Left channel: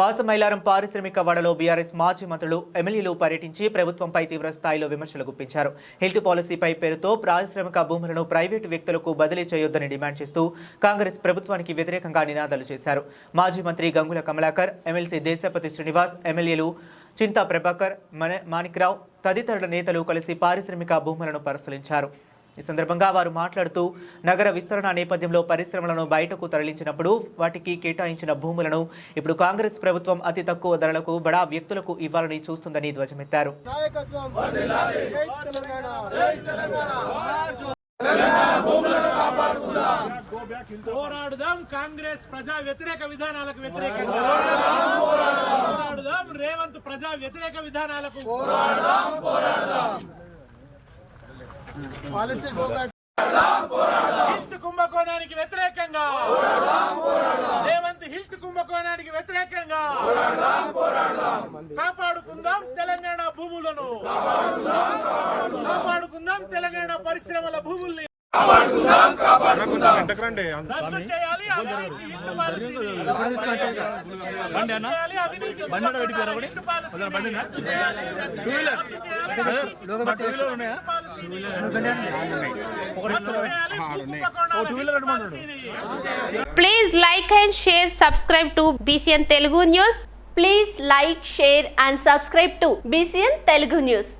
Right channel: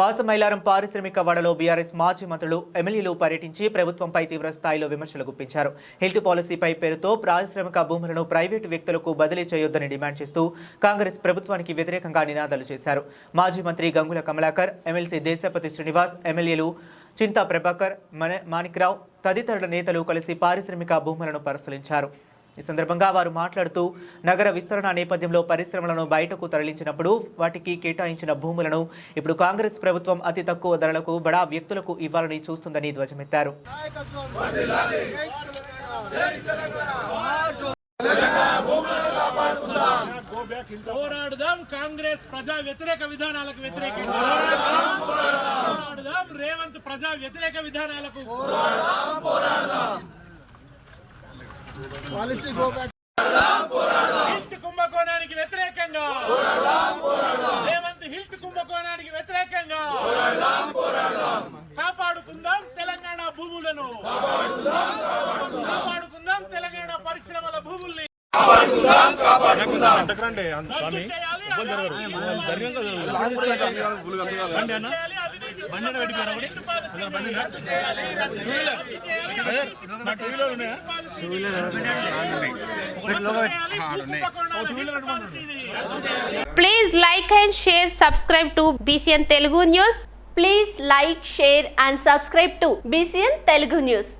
పాసమైలారం పారిశ్రామిక వాడలో బీఆర్ఎస్ మాజీ మంత్రులు ఎమ్మెల్యేలు పర్యటించి ప్రభుత్వంపై తీవ్ర స్థాయిలో విమర్శలు గుప్పించారు. హెల్త్ పాలసీపై పేరుతో పారిశ్రామిక భూములను ప్రైవేటు వ్యక్తులకు బదిలీ చేయొద్దని డిమాండ్ చేస్తూ కాంగ్రెస్ ప్రభుత్వానికి వ్యతిరేకంగా నినాదాలు చేశారు. మాజీ మంత్రి గంగుల కమలాకర్, ఎమ్మెల్సీ దేశపతి శ్రీనివాస్, ఎమ్మెల్యేలు చింతా ప్రభాకర్, మాణిక్రావు తదితరుల నేతలు కలిసి పారిశ్రామిక భూములను పరిశీలించారు. ఈ సందర్భంగా వారు మాట్లాడుతూ నగర విస్తరణ నేపథ్యంలో పరిశ్రమలను బయటకు తరలించినప్పుడు వాటికి కేటాయించిన భూములను ఇప్పుడు కాంగ్రెస్ ప్రభుత్వం అతి తక్కువ ధరలకు బడా వ్యక్తులకు ఇవ్వాలని చూస్తుందని ధ్వజమెత్తారు. పోరాడుదాం కాంగ్రెస్ ప్రజా వ్యతిరేక విధానాలకు వ్యతిరేకంగా, పోరాడుదాం రేవంత్ ప్రజా వ్యతిరేక విధానాలకు, హిల్ట్ కుంభకోణానికి వ్యతిరేకంగా, రేవంత్ హిల్ట్ కుంభకోణానికి వ్యతిరేకంగా కాపాడుకుందాం తెలంగాణ భూములను, కాపాడుకుందాం తెలంగాణ పరిశ్రమల భూముల్ని. Please like and share, subscribe to BCN Telugu News. Please like, share and subscribe to BCN Telugu News.